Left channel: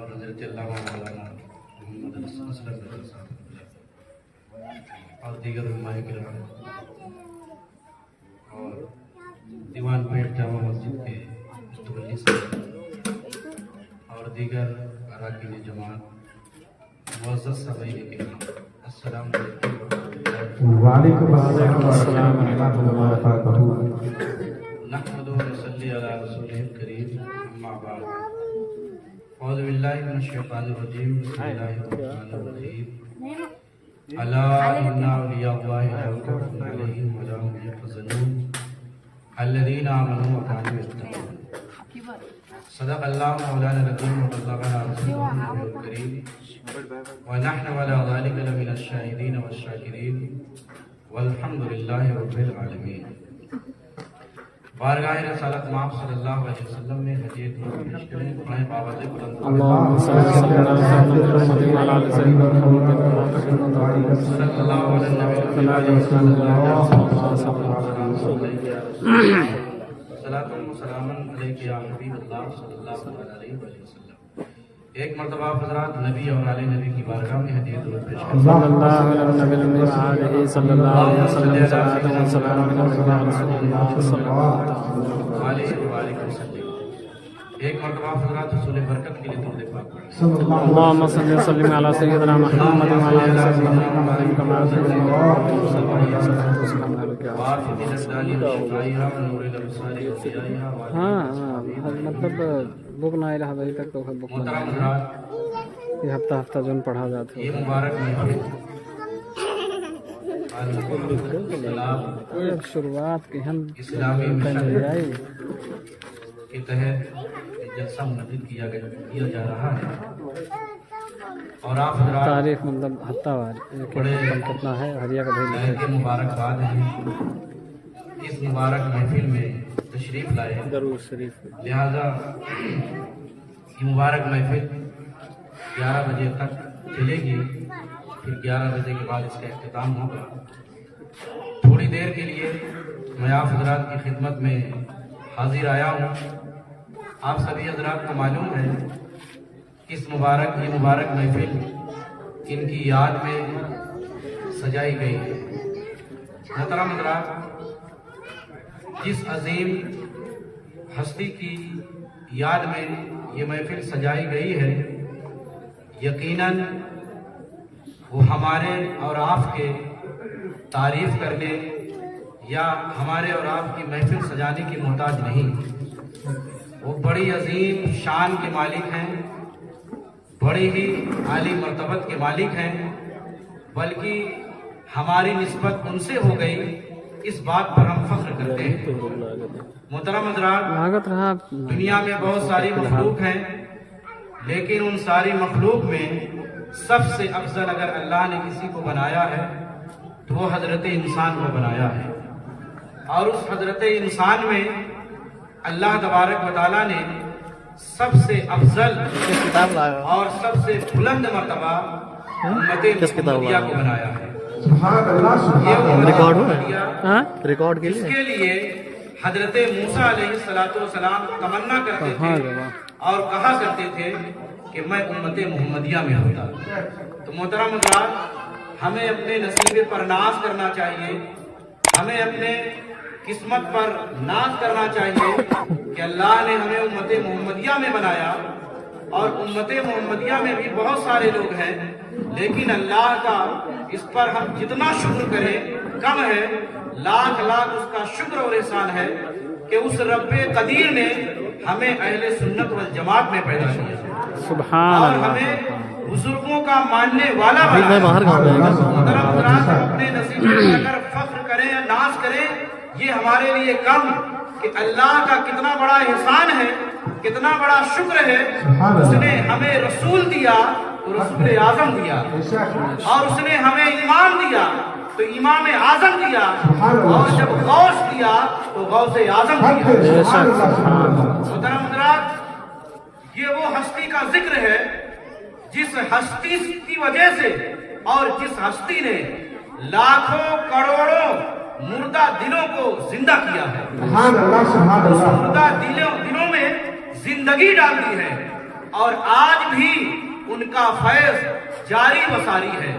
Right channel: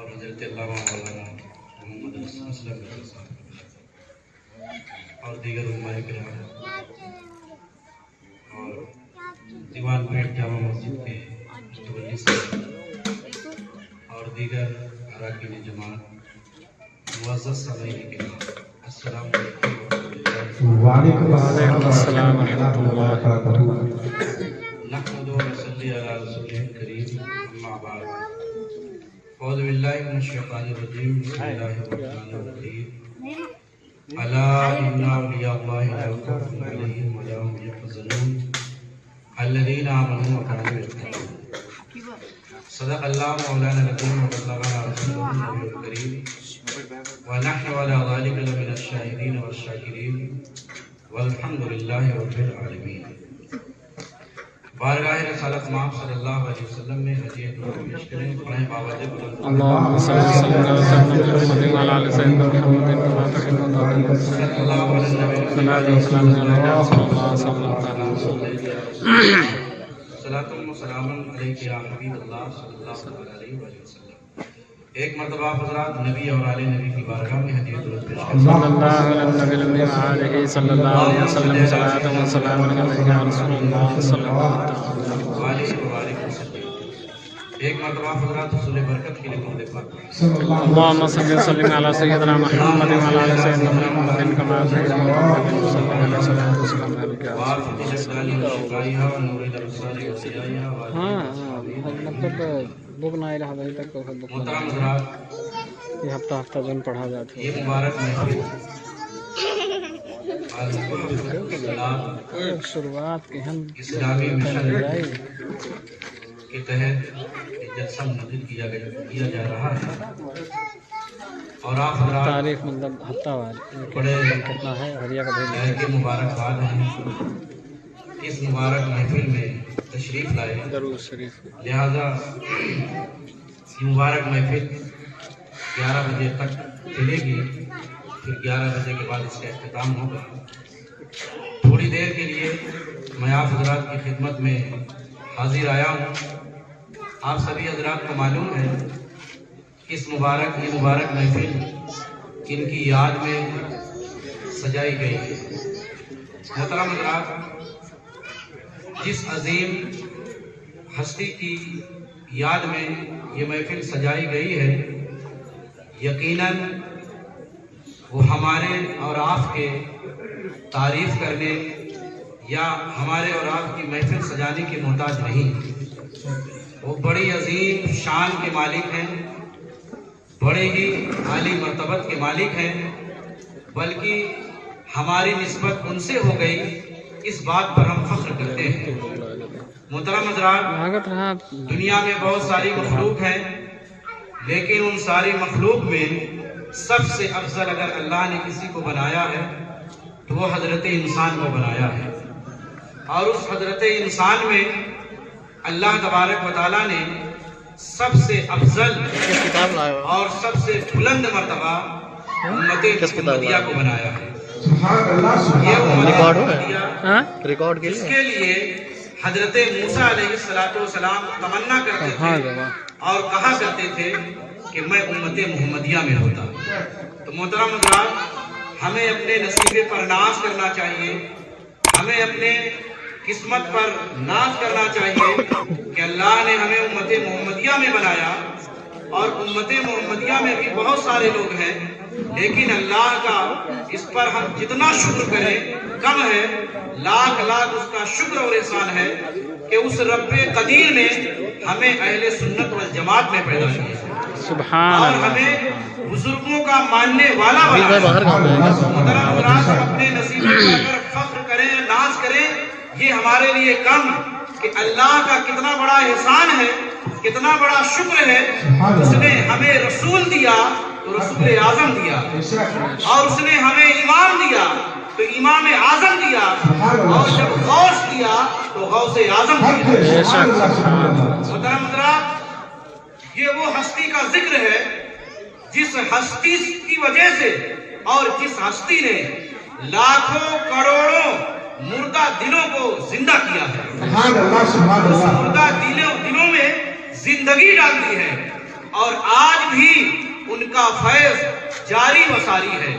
اور حضرت علامہ مولانا محمد اسلم صاحب اور دیگر علماء کرام اور دیوان پیٹ جامع مسجد کے متولی صاحب اور دیگر اراکین جماعت معزز سامعین کرام، السلام علیکم وعلیکم السلام ورحمۃ اللہ وبرکاتہ۔ نحمدہ ونصلی علی رسولہ الکریم، اما بعد، اعوذ باللہ من الشیطان الرجیم، بسم اللہ الرحمن الرحیم، الا ان اولیاء اللہ لا خوف علیہم ولا هم یحزنون الذین آمنوا وکانوا یتقون۔ صدق اللہ مولانا العظیم وبلغنا رسولہ الکریم ونحن على ذلك لمن الشاهدين والشاکرین والحمد للہ رب العالمین۔ بارگاہ رسالت مآب صلی اللہ علیہ وسلم میں ہدیہ درود پیش کریں۔ قرآن باوجہ بلند اللهم صل وسلم على سيدنا محمد وعلى آل سيدنا محمد كما تحب وترضى صلی اللہ علیہ وسلم صلاة وسلام عليك يا رسول الله صلى الله عليه وسلم۔ صلاۃ و سلام علیک یا حبیب اللہ صلی اللہ علیہ وسلم۔ ایک مرتبہ حضرات نبی اور آل نبی کی بارگاہ میں ہدیہ درود پیش کریں۔ صلی اللہ علیہ النبی الامین وآلہ صلی اللہ علیہ وسلم، صلاة وسلام علیک یا رسول اللہ صلی اللہ علیہ وسلم۔ ایک مرتبہ حضرات حصول برکت کے لیے درود پاک پڑھیں۔ اللهم صل وسلم على سيدنا محمد وعلى آل سيدنا محمد كما تحب وترضى صلى الله عليه وسلم عليك يا رسول الله صلى الله عليه وسلم۔ ہاں مطلب بک نہ الہ وہی تک تو بک محترم حضرات، یہ ہفتہ ہفتہ جن پڑھا جاتا ہے۔ یہ مبارک محفل شروعات کی ہم اسلامی مشن کے تحت جلسہ منعقد کیا جا رہا ہے، اور آپ حضرات تاریخ مطلب ہفتہ وار بڑے کتنا ہے ہریا کا بھیج کے مبارکباد ہیں اس مبارک محفل میں تشریف لائے۔ درود شریف لہذا یہ مبارک محفل 11 بجے تک چلے گی، پھر 11 بجے کے بعد اس کا اختتام ہوگا۔ تھوڑی دیر کے لیے میں آپ حضرات کی خدمت میں حاضر آیا ہوں۔ آپ سبھی حضرات کو معلوم ہے کہ یہ مبارک محفل ان کی یاد میں سجائی گئی ہے۔ محترم حضرات، جس عظیم ہستی کی یاد میں یہ محفل سجائی گئی ہے، یقیناً وہ ہمارے اور آپ کے تعریف کرنے یا ہمارے اور آپ کی محفل سجانے کے محتاج نہیں۔ وہ بڑی عظیم شان کے مالک ہیں، بڑے ہی عالی مرتبت کے مالک ہیں، بلکہ ہماری نسبت ان سے ہو گئی، اس بات پر ہم فخر کرتے ہیں۔ محترم حضرات، دنیا میں بہت ساری مخلوق ہیں، لیکن ان ساری مخلوق میں سب سے افضل اگر اللہ نے کسی کو بنایا ہے تو وہ حضرت انسان کو بنایا ہے، اور اس حضرت انسان میں اللہ تبارک و تعالیٰ نے سب سے افضل اور سب سے بلند مرتبہ امت محمدیہ کو بنایا ہے۔ اس کے لیے حضرت موسیٰ علیہ السلام تمنا کرتے تھے اور کہا کرتے تھے کہ میں امت محمدیہ میں ہوتا۔ تو محترم حضرات، ہمیں اپنے نصیبے پر ناز کرنا چاہیے، ہمیں اپنے قسمت پر ناز کرنا چاہیے کہ اللہ نے ہمیں امت محمدیہ میں بنایا، اور امت محمدیہ میں بھی بہت سارے لوگ ہیں، لیکن اللہ کا اس پر ہم جتنا شکر کریں کم ہے۔ لاکھ اس کا شکر اور احسان ہے کہ اس رب قدیر نے ہمیں اہل سنت والجماعت میں پیدا کیا، سبحان اور اللہ، ہمیں بزرگوں کا ماننے والا بنا۔ اپنے نصیب پر اگر فخر کریں، ناز کریں، یہ ہمارے لیے کم کہ اللہ کا کتنا بڑا احسان ہے، کتنا بڑا شکر ہے۔ اس نے ہمیں رسول دیا تو رسول اعظم دیا، اور اس نے ہمیں امام دیا تو امام اعظم دیا، اور جب غوث دیا تو غوث اعظم دیا۔ محترم حضرات، یہ وہ ہستی کا ذکر ہے جس ہستی کی وجہ سے اور جس ہستی نے لاکھوں کروڑوں مردہ دلوں کو زندہ کیا ہے، اس مردہ دلوں میں زندگی ڈال دی ہے، اور آج بھی ان کا فیض جاری و ساری ہے۔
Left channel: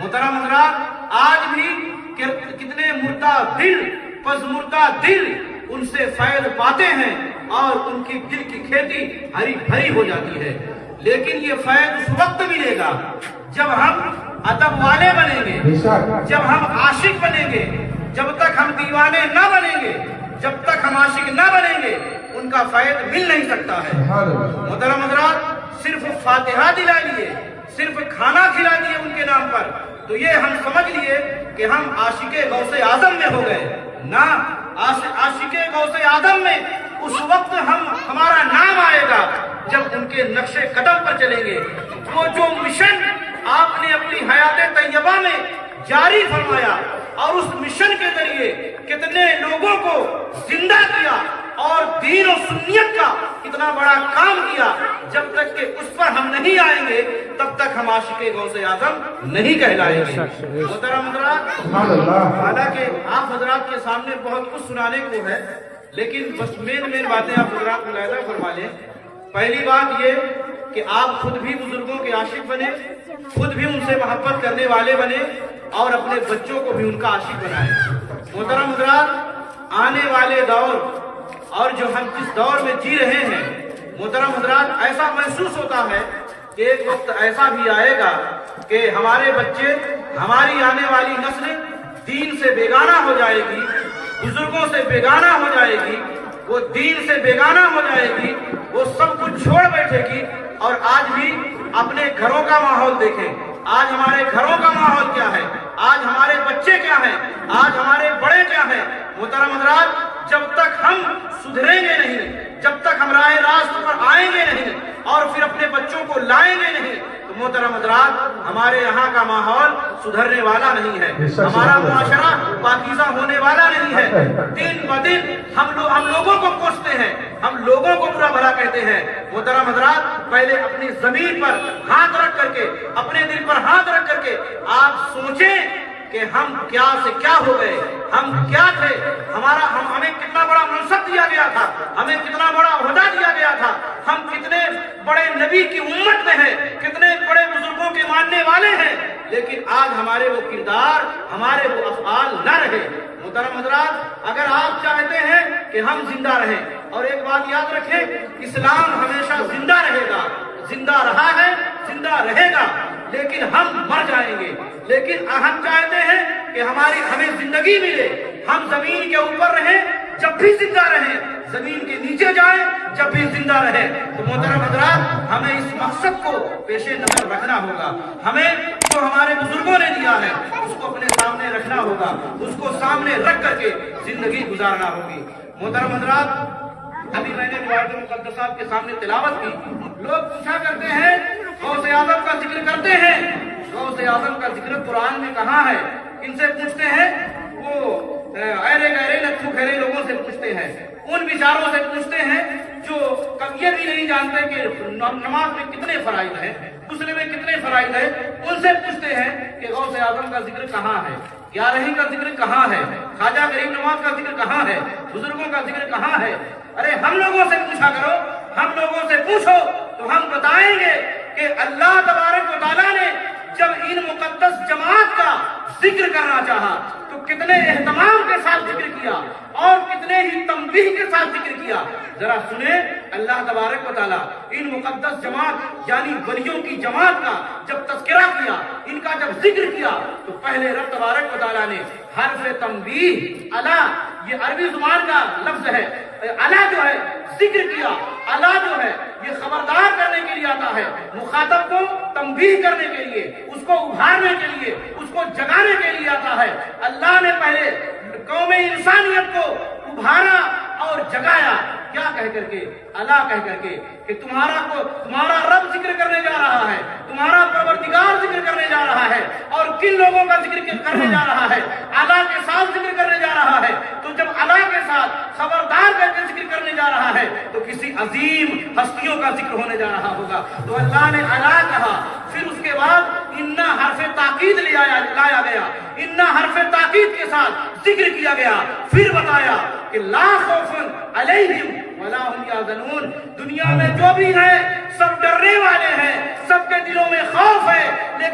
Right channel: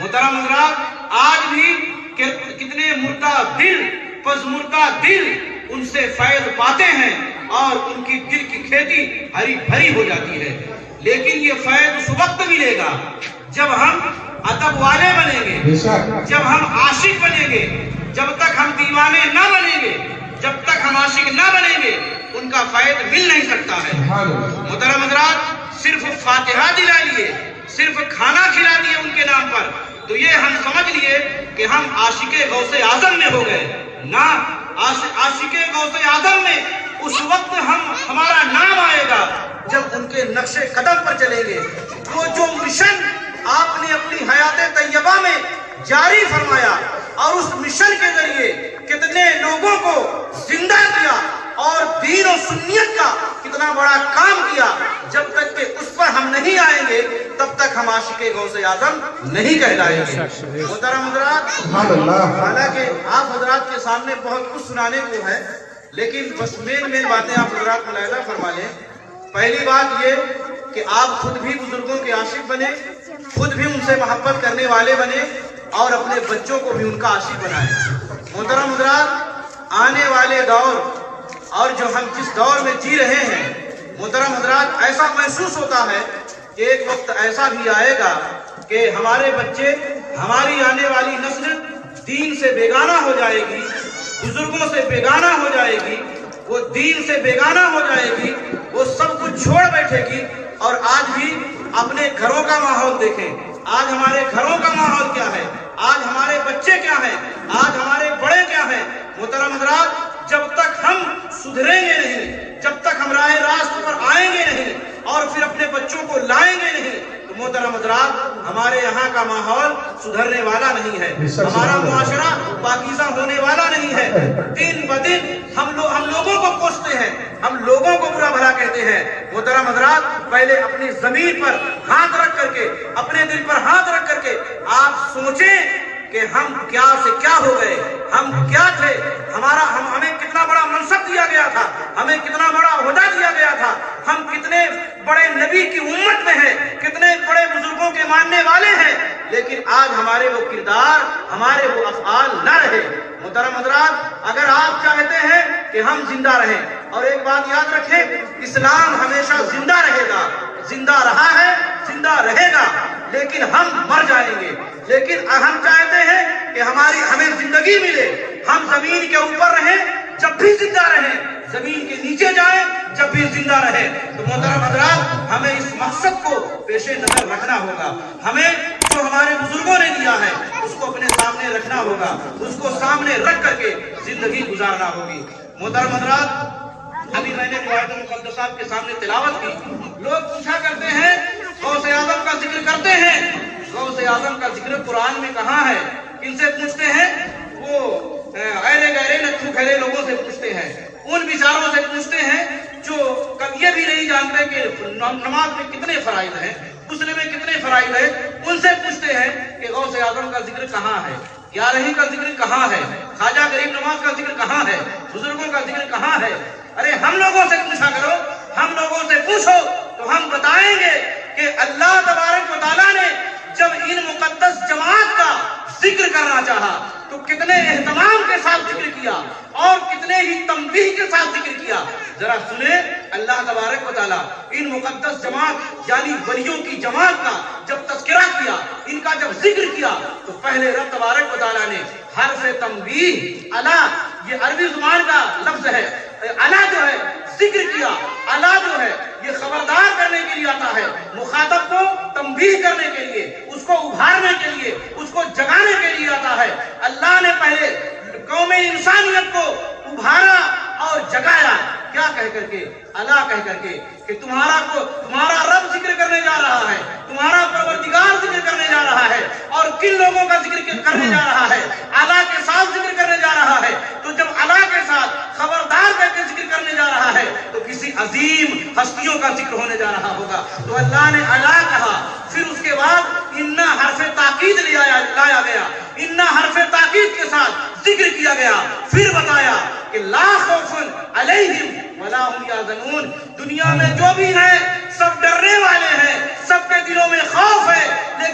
محترم حضرات، آج بھی کتنے مردہ دل، پژمردہ دل ان سے فیض پاتے ہیں اور ان کی دل کی کھیتی ہری بھری ہو جاتی ہے۔ لیکن یہ فیض اس وقت ملے گا جب ہم ادب والے بنیں گے، جب ہم عاشق بنیں گے۔ جب تک ہم دیوانے نہ بنیں گے، جب تک ہم عاشق نہ بنیں گے، ان کا فیض مل نہیں سکتا ہے۔ محترم حضرات، صرف فاتحہ دلا لیے، صرف کھانا کھلا دیے ان کے نام پر، تو یہ ہم سمجھ لیے کہ ہم عاشق غوث اعظم میں ہو گئے۔ نہ، عاشق غوث اعظم میں اس وقت ہمارا نام آئے گا جب ان کے نقش قدم پر چلیں گے۔ وہ جو مشن آپ نے اپنی حیات طیبہ میں جاری فرمایا اور اس مشن کے ذریعے کتنے لوگوں کو زندہ کیا اور دین و سنیت کا کتنا بڑا کام کیا، جب تک کہ اس پر ہم نہیں آئیں گے تب تک ہم عاشق غوث اعظم نہیں کہلائیں گے۔ محترم حضرات، حالانکہ آپ حضرات کے سامنے بہت کچھ سنانے کو ہے، لیکن بس مین باتیں آپ حضرات ملاحظہ فرما لیں۔ پہلی بات یہ کہ آپ خود بھی بزرگوں کے عاشق بنے، خود بھی ان سے محبت کرنے والے بنے اور اپنے بچوں کو بھی ان کا عاشق بنائیں۔ محترم حضرات، آنے والے دور اور جو ہم جس دور میں جی رہے ہیں، محترم حضرات، ایسا محسوس ہوتا ہے کہ ایک وقت ایسا بھی آئے گا کہ ہمارے بچے، ہماری آنے والی نسل دین سے بیگانہ ہو جائے گی، بزرگوں سے بیگانہ ہو جائے گی، وہ دین سے بیگانہ ہو جائے گی، وہ سب کچھ چھوڑ بیٹھے گی۔ اور آج بھی اپنے گھروں کا ماحول دیکھیں، آج ہمارے گھروں کا ماحول کیا ہے، آج ہمارے بچے کیا ہیں، آج ہمارے بڑے کیا ہیں۔ محترم حضرات، جب تک ہم سدھریں گے نہیں، جب تک ہم راہ راست پر آئیں گے نہیں اور پھر اپنے بچوں کو لائیں گے نہیں، تو محترم حضرات، ہمارے یہاں کا ماحول سدھرنے والا نہیں ہے، ہمارا معاشرہ پاکیزہ ہونے والا نہیں ہے۔ دن بدن ہم لوگوں کو کوستے ہیں، ہم لوگوں کو برا بھلا کہتے ہیں۔ محترم حضرات، پہلے اپنی زمین پر ہاتھ رکھ کر کے، اپنے دل پر ہاتھ رکھ کر کے آپ سوچیں کہ ہم کیا سے کیا ہو گئے، ہم کیا تھے، ہمیں کتنا بڑا منصب دیا گیا تھا، ہمیں کتنا بڑا عہدہ دیا گیا تھا، ہم کتنے بڑے نبی کی امت میں ہیں، کتنے بڑے بزرگوں کے ماننے والے ہیں، لیکن آج ہمارے وہ کردار، ہمارے وہ افعال نہ رہے۔ محترم حضرات، اگر آپ چاہتے ہیں کہ ہم زندہ رہیں، اور ایک بات یاد رکھیں، اسلام ہمیشہ زندہ رہے گا، زندہ رہا ہے، زندہ رہے گا، لیکن ہم مر جائیں گے۔ لیکن ہم چاہتے ہیں کہ ہمیں زندگی ملے، ہم زمین کے اوپر رہیں جب بھی زندہ رہیں، زمین کے نیچے جائیں جب بھی زندہ رہیں۔ تو محترم حضرات، ہمیں اس مقصد کو پیش نظر رکھنا ہوگا، ہمیں جو ہمارے بزرگوں نے دیا ہے اس کو اپنے سامنے رکھنا ہوگا، اس کو سامنے رکھ کر کے زندگی گزارنا ہوگی۔ محترم حضرات، ابھی میں نے قواعد المقدسہ صاحب کے سامنے تلاوت کی، لوگ پوچھا کرتے ہیں، غوث اعظم کا ذکر کرتے ہیں، غوث اعظم کا ذکر قرآن میں کہاں ہے؟ ان سے پوچھتے ہیں، وہ ایرے گہرے نتھو کھلے لوگوں سے پوچھتے ہیں، ان بیچاروں سے پوچھتے ہیں جو یہ بھی نہیں جانتے کہ نماز میں کتنے فرائض ہیں، غسل میں کتنے فرائض ہیں، ان سے پوچھتے ہیں کہ غوث اعظم کا ذکر کہاں ہے، گیارہویں کا ذکر کہاں ہے، خواجہ غریب نواز کا ذکر کہاں ہے، بزرگوں کا ذکر کہاں ہے؟ ارے ہم لوگوں سے پوچھا کرو، ہم لوگوں سے پوچھو تو ہم بتائیں گے کہ اللہ تبارک و تعالیٰ نے جب ان مقدس جماعت کا ذکر کرنا چاہا تو کتنے اہتمام کے ساتھ ذکر کیا اور کتنے ہی تنبیہ کے ساتھ ذکر کیا۔ ذرا سنیں، اللہ تبارک و تعالیٰ ان مقدس جماعت یعنی ولیوں کی جماعت کا جب تذکرہ کیا، ان کا جب ذکر کیا، تو پہلے رب تبارک و تعالیٰ نے حرف تنبیہ، الا، یہ عربی زبان کا لفظ ہے، الا جو ہے ذکر کیا، الا جو ہے یہ خبردار کرنے کے لیے آتا ہے، مخاطب کو تنبیہ کرنے کے لیے، اس کو ابھارنے کے لیے، اس کو جگانے کے لیے آتا ہے۔ اللہ نے پہلے قوم انسانیت کو ابھارا اور جگایا، کیا کہہ کر کے؟ اللہ کہہ کر کے کہ تمہارا رب ذکر کرنے جا رہا ہے، تمہارا پروردگار ذکر کرنے جا رہا ہے، اور کن لوگوں کا ذکر کرنے جا رہا ہے؟ اللہ کے ساتھ ذکر کرنے جا رہا ہے۔ تو جب اللہ کے ساتھ خبردار کر کے ذکر کرنے جا رہا ہے تو کسی عظیم ہستیوں کا ذکر ہونے جا رہا ہوگا۔ تو اللہ نے اللہ کہا، پھر اس کے بعد انا حرف تاکید لایا گیا، انا حرف تاکید کے ساتھ ذکر کیا گیا، پھر بتایا کہ لا خوف علیہم ولا هم یحزنون، دنیا میں جو بھی ہیں سب ڈرنے والے ہیں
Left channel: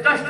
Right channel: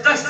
10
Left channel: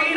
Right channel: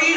3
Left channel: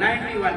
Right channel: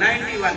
91।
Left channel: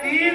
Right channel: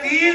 3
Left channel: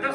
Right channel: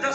10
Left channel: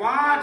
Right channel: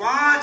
5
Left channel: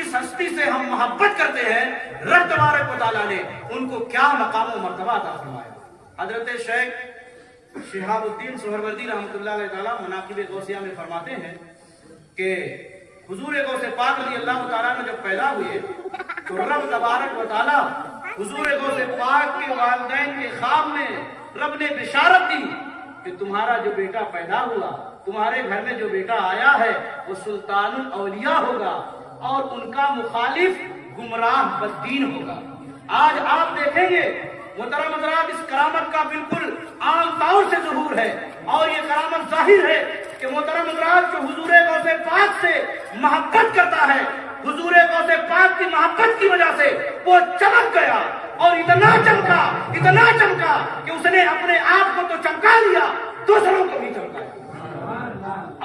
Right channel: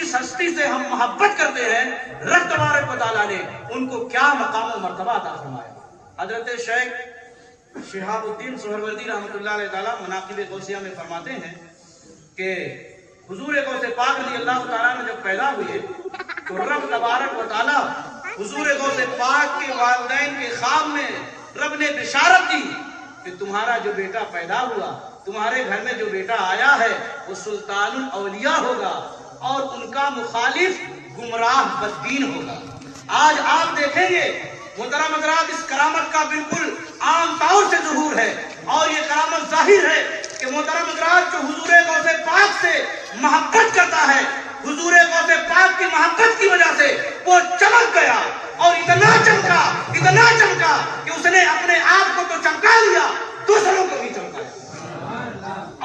جس ہستی سے ہم محبت کرتے ہیں رب تبارک و تعالیٰ نے ان کو کیا مقام و مرتبہ عطا فرمایا۔ حضرت شیخ شہاب الدین سہروردی رحمۃ اللہ علیہ تعالیٰ مناقب غوثیہ میں فرماتے ہیں کہ حضور غوث پاک رضی اللہ تعالیٰ نے جب پیدا ہوئے تو رب تبارک و تعالیٰ حضور غوث پاک کے والدین کے خواب میں رب نے بشارت دی کہ تمہارا جو بیٹا پیدا ہوا، تمہارے گھر میں جو بیٹا آیا ہے وہ سلطان الاولیاء ہوگا اور ان کا مخالف گمراہ بددین ہوگا۔ آج آپ دیکھیں گے محترم حضرات، اس کرامت کا بالکل عام طور سے ظہور ہے اور یہ کرامت ظاہر ہے کہ محترم حضرات جو حضور غوث پاک سے محبت کرتا ہے، حضور غوث پاک کی محبت کی وجہ سے وہ چمک گیا اور اتنا چمکا کہ اس نے اپنے آپ کو تو چمکا لیا، دوسروں کو بھی چمکایا،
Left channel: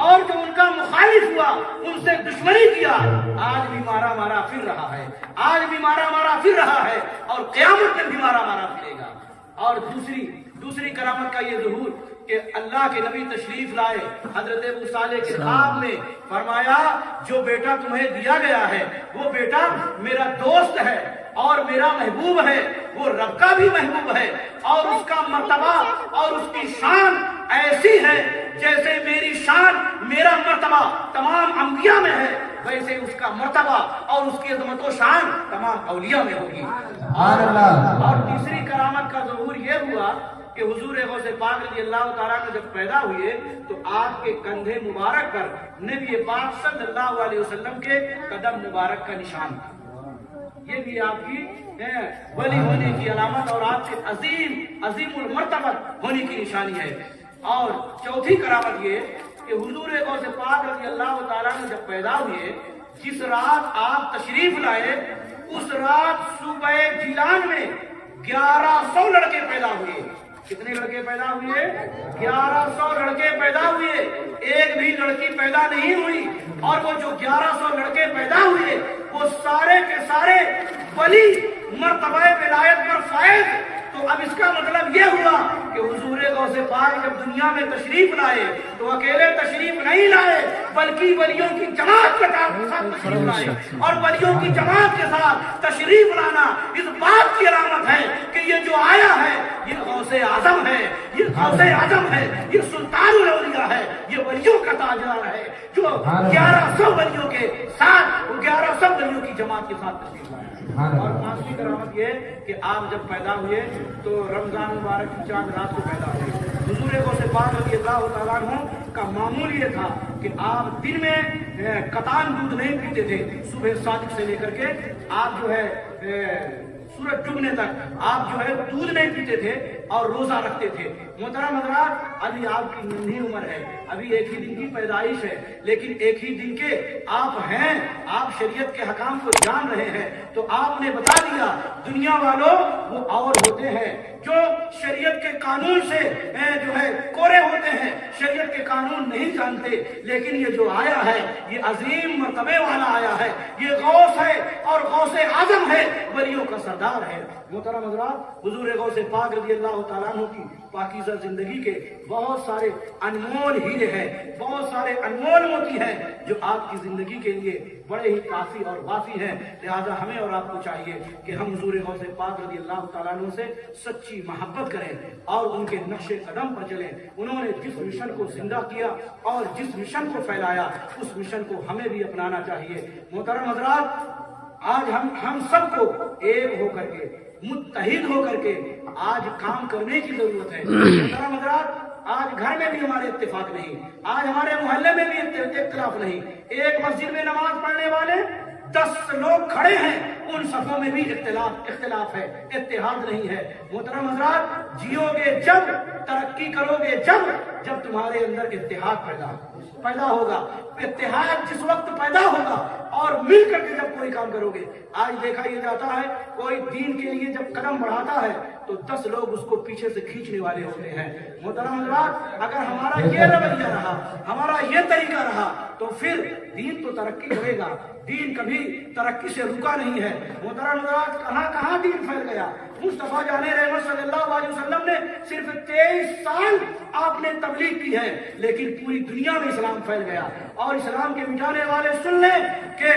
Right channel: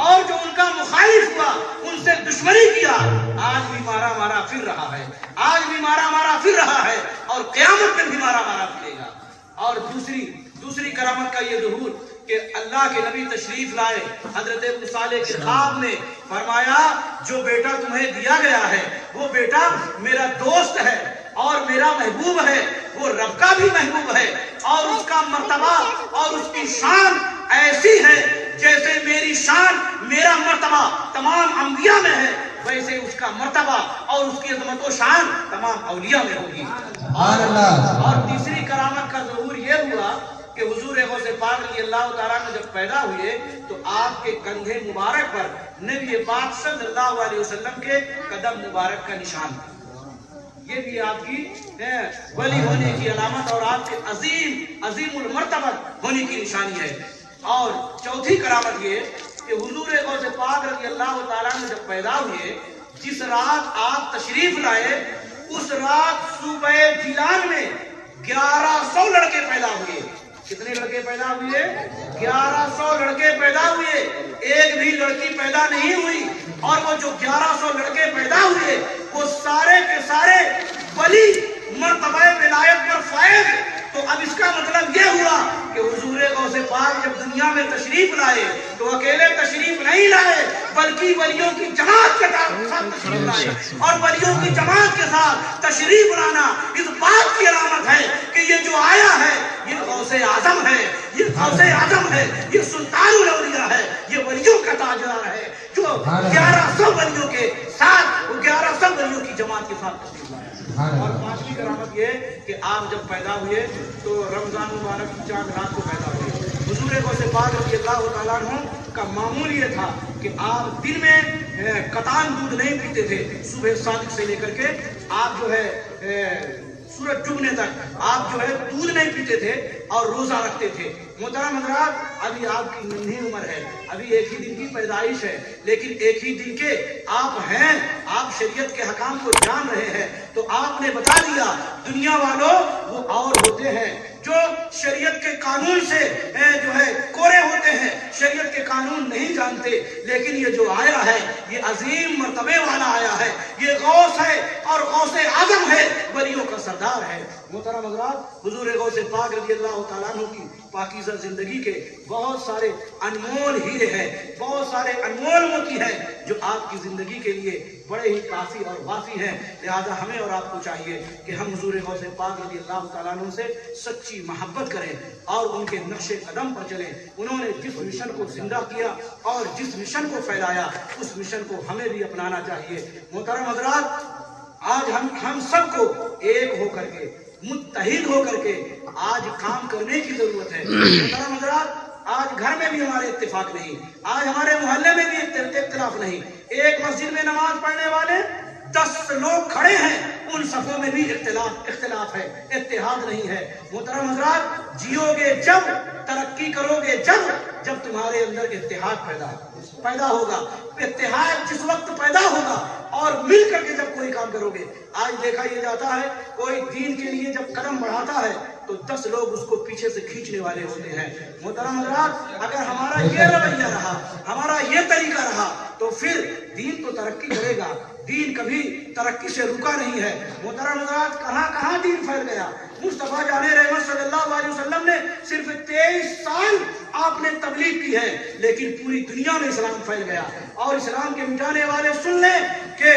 اور جو ان کا مخالف ہوا ان سے دشمنی کیا، آج بھی مارا پھر رہا ہے اور قیامت میں بھی مارا پھرے گا۔ اور دوسری کرامت کا یہ ظہور کہ اللہ کے نبی تشریف لائے، حضرت موسیٰ کے خواب میں فرمایا جو بیٹا تمہیں دیا گیا ہے وہ بیٹا میرا دوست ہے اور میرا محبوب ہے، وہ رب کا بھی محبوب ہے اور اس کا مرتبہ اور اس کی شان ایسی ہے جیسے میری شان میرا مرتبہ تمام انبیاء میں ہے، ویسے اس کا مرتبہ اور اس کی عظمت و شان تمام اولیاء میں ہوگی۔ اور تیسری کرامت کا ظہور یہ ہوا کہ حضور غوث پاک رضی اللہ تعالیٰ نے جب پیدا ہوئے تو آپ کے کندھے مبارک پر نبی پاک صلی اللہ علیہ وسلم کے قدم مبارک کا نشان تھا۔ یہ بھی آپ کی ولی ہونے کی علامت اور آپ کے عظیم المرتبت ہونے کی نشانی ہے۔ اور چوتھی کرامت یہ کہ حضور غوث پاک رضی اللہ تعالیٰ نے جب پیدا ہوئے، جس رات آپ تشریف لائے اس رات صوبہ جیلان میں 1100 لڑکے پیدا ہوئے۔ کتنے لڑکے پیدا ہوئے؟ 1100 لڑکے پیدا ہوئے، ایک بھی لڑکی پیدا نہیں ہوئی، اور وہ جو 1100 لڑکے پیدا ہوئے وہ سارے کے سارے ولی مرتبہ ولایت پر فائز۔ تو اب اس کا مطلب یہ ہوا کہ حضور غوث پاک جب دنیا میں تشریف لائے تو اکیلے تشریف نہیں لائے بلکہ ولیوں کی جماعت کے ساتھ تشریف لائے، اور ولیوں کی جماعت کے ساتھ تشریف لانا اس بات کی علامت ہے کہ یہ جو آیا ہے یہ غوث اعظم ہے، یہ سلطان الاولیاء ہے، یہ ولیوں کا تاجدار ہے جو 1100 ولیوں کے ساتھ 1100 ولیوں کی جماعت کے ساتھ تشریف لائے۔ اور پانچویں کرامت یہ کہ آپ جب پیدا ہوئے تو رمضان مبارک کی چاند رات کو پیدا ہوئے۔ حضور غوث پاک رضی اللہ تعالیٰ عنہ کا معمول یہ تھا کہ آپ دن میں قطان دودھ نہیں پیتے تھے، صبح صادق سے لے کر کے آپ جو ہے سورج ڈوبنے تک آپ جو ہے دودھ نہیں پیتے تھے اور روزہ رکھتے تھے۔ محترم حضرات، ابھی آپ کی ننھی عمر ہے، ابھی ایک ہی دن کی پیدائش ہے، لیکن ایک ہی دن کے آپ ہیں، آپ شریعت کے حکام کو جان رہے ہیں، تو آپ نے بتا دیا دنیا والوں وہ اور ہوتے ہیں جو شریعت کے قانون سے جو ہے کورے ہوتے ہیں، شریعت کے قانون نہیں جانتے، لیکن یہ جو آیا ہے یہ عظیم مرتبے والا آیا ہے، یہ غوث ہے اور غوث اعظم ہے، ولیوں کا سردار ہے۔ محترم حضرات، حضور غوث پاک رضی اللہ تعالیٰ عنہ کی پاکیزہ زندگی کے بہت سارے انمول ہیرے ہیں، بہت سارے انمول موتی ہیں جو آپ کی زندگی کے لیے بڑے ہی کافی اور وافی ہیں۔ لہذا ہمیں اور آپ کو چاہیے کہ ہم حضور غوث پاک رضی اللہ تعالیٰ عنہ سے سچی محبت کریں اور ان کے نقش قدم پر چلیں۔ انہوں نے جس مشن کو زندہ کیا اور جس مشن کو پھیلایا اس مشن کو ہمیں بھی اپنانا چاہیے۔ محترم حضرات، آج ہم سب کو ایک ہو کر کے متحد ہو کر کے آج کام کرنے کی ضرورت ہے۔ محترم حضرات، آج گھر میں بھی ہمارے اتفاق نہیں، آج ہمارے محلے میں بھی اختلاف نہیں، ایک مسجد میں نماز پڑھنے والے 10 لوگ کھڑے ہیں، ان صفوں میں بھی اختلاف ہے، اتحاد نہیں ہے۔ محترم حضرات، جیو گے جب، ترقی کرو گے جب تمہارے اندر اتحاد پیدا ہوگا۔ اتحاد جس وقت پیدا ہوگا اور مل کر کے جب کوئی کام کرو گے، آج دیکھا یہ جاتا ہے کوئی دین کے لیے جب قدم بڑھاتا ہے تو 10 لوگ اس کو پیچھے سے کھینچنے والے ہوتے ہیں۔ محترم حضرات، اگر ہمارا یہ رویہ رہا، ہمارا یہ طریقہ رہا تو پھر دین تو ترقی کرے گا، دین کبھی ترقی سے رکا نہیں ہے۔ محترم حضرات، کہاں دین پھیل گیا؟ مصطفیٰ جان رحمت صلی اللہ علیہ وسلم نے صرف 23 سال آپ نے تبلیغ کی ہے، لیکن پوری دنیا میں اسلام پھیل گیا، اور اسلام کے مٹانے والے سن لیں کہ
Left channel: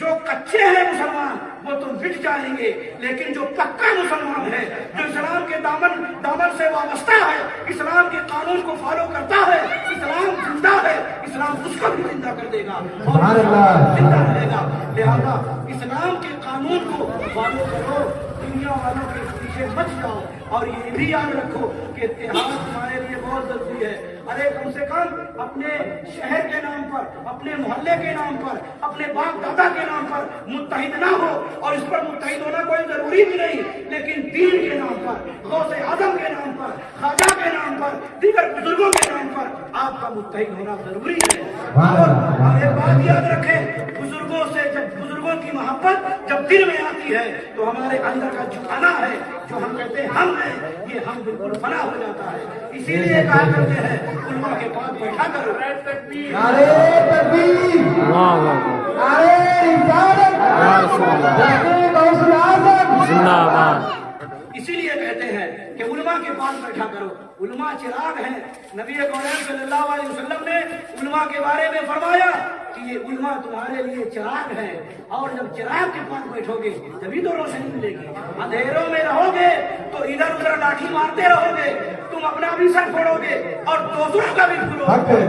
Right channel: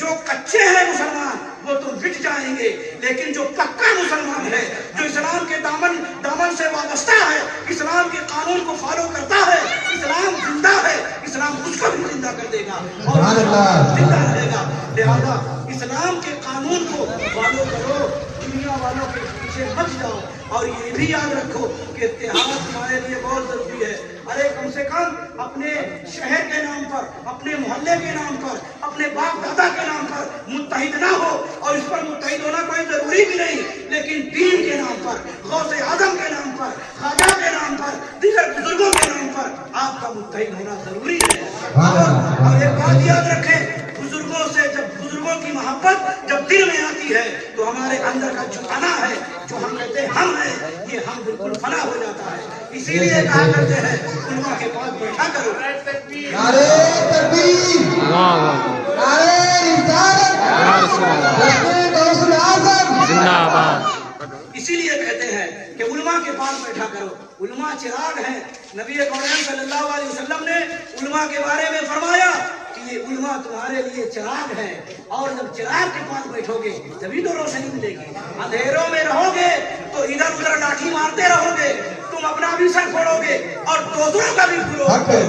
جو کچے ہیں مسلمان وہ تو مٹ جائیں گے، لیکن جو پکا مسلمان ہے، جو اسلام کے دامن سے وابستہ ہے، اسلام کے قانون کو فالو کرتا ہے، اسلام زندہ ہے، اسلام اس کو بھی زندہ کر دے گا اور زندہ رہے گا۔ لہذا اسلام کے قانون کو فالو کرو، دنیا والوں کے پیچھے مت جاؤ، اور یہ بھی یاد رکھو کہ اتحاد تمہارے لیے بہت ضروری ہے۔ ارے کم سے کم اپنے شہر کے نام پر، اپنے محلے کے نام پر، اپنے باپ دادا کے نام پر متحد نہ ہو، اور اس پر متحد ہونا کوئی ضروری بھی نہیں، لیکن دین کے نام پر، غوث اعظم کے نام پر، خواجہ کے نام پر، دیگر بزرگوں کے نام پر آپ کا متحد ہونا ضروری ہے۔ اور ایک بات یاد رکھیں، بزرگوں سے بزرگوں کی محبت جب دل میں آتی ہے تو ہمارے اندر کا جھکانا ہے، جو ہم کہتے ہیں ہم ہیں، یہ ہم بالکل فنا ہو جاتا ہے۔ اسی لیے کہا کرتے ہیں علماء کے پاس بیٹھا کرو۔ نعرے تکبیر، واہ واہ نعرے رسالت، یا رسول اللہ، رسول غوث الاعظم زندہ آباد۔ اسی لیے کہتے ہیں کہ علماء کے پاس بیٹھا کرو۔ علماء چراغ ہیں۔ نبی کونین صلی اللہ علیہ وسلم نے علماء کے بارے میں فرمایا کہ یہ علماء تمہارے لیے چراغ ہیں، اور جب چراغ کے پاس بیٹھو گے تبھی تو روشنی ملے گی۔ اندھیروں میں رہو گے تو ادھر ادھر لاٹھی مارتے رہو گے، تم اپنا بھی سر پھوڑو گے اور دوسروں کا بھی پھوڑو گے،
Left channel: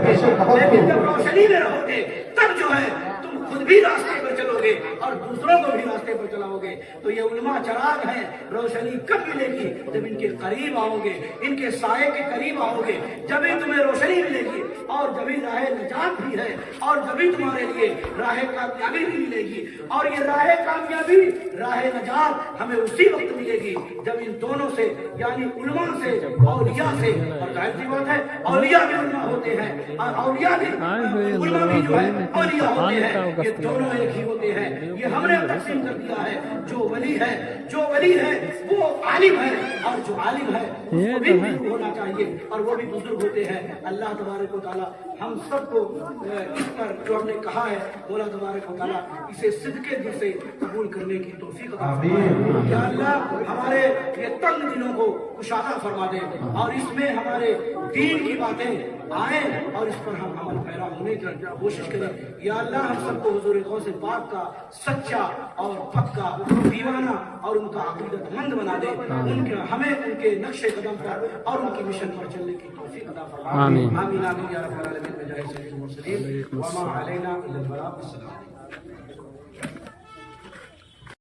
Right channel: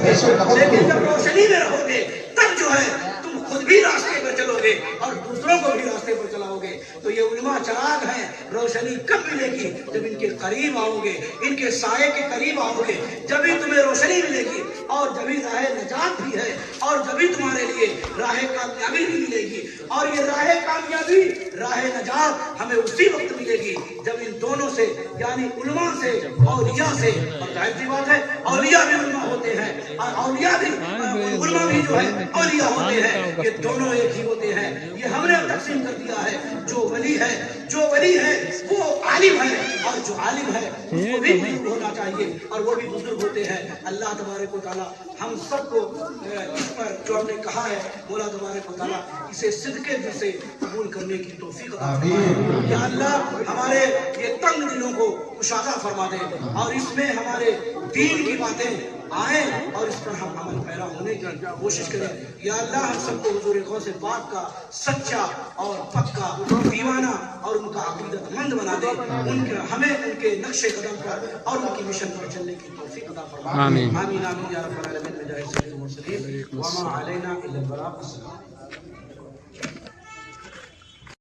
لیکن جب روشنی میں رہو گے تب جو ہے تم خود بھی راستے پر چلو گے اور دوسروں کو بھی راستے پر چلاؤ گے۔ تو یہ علماء چراغ ہیں۔ روشنی کب ملے گی؟ جب ان کے قریب آؤ گے، ان کے سائے کے قریب آؤ گے، جبھی تمہیں روشنی ملے گی، اور جبھی راہ نجات بھی ہے، اور جبھی تمہارے لیے راہ کامیابی بھی ملے گی۔ اور یہ راہ کامیابی، راہ نجات ہمیں اسی وقت ملے گی جب ان دونوں سے، یعنی علماء سے، اولیاء سے، اور ظاہر سی بات ہے اولیاء بھی علماء ہوتے ہیں اور اولیاء بھی علماء بھی جو ہے اولیاء ہوتے ہیں، یہ دونوں ایک ہی ہوتے ہیں۔ یہ ہم نے تقسیم کر دیا ہے۔ جو ولی ہے وہ عالم ہے، اور جو عالم ہے اس کو بھی بزرگ ہونا چاہیے، اور وہ بھی بزرگ ہوتے ہیں۔ اللہ تبارک و تعالیٰ ہم سب کو اس پر جو ہم نے کہا ہے، مولا تبارک و تعالیٰ اسے صدقے دل سے قبول کرنے کی توفیق عطا فرمائے۔ یا اللہ ہمارے یہ تنگ دلوں کو کشادہ فرما دے، اور اس میں ہمارے دین کی باتیں آئیں اور اس پر ہم عمل پیرا ہونے کی کوشش کریں۔ یا اللہ ہم سب کو حضور غوث پاک کا سچا اور پکا دیوانہ اور ان کا عقیدت مند بنا دے، ہمیں ان کے نقش قدم پر اور ان کی مشن پر چلنے کی توفیق عطا فرمائے۔ آمین آمین آمین یا رب العالمین۔ بجاہ سید المرسلین وما علینا الا البلاغ۔ السلام۔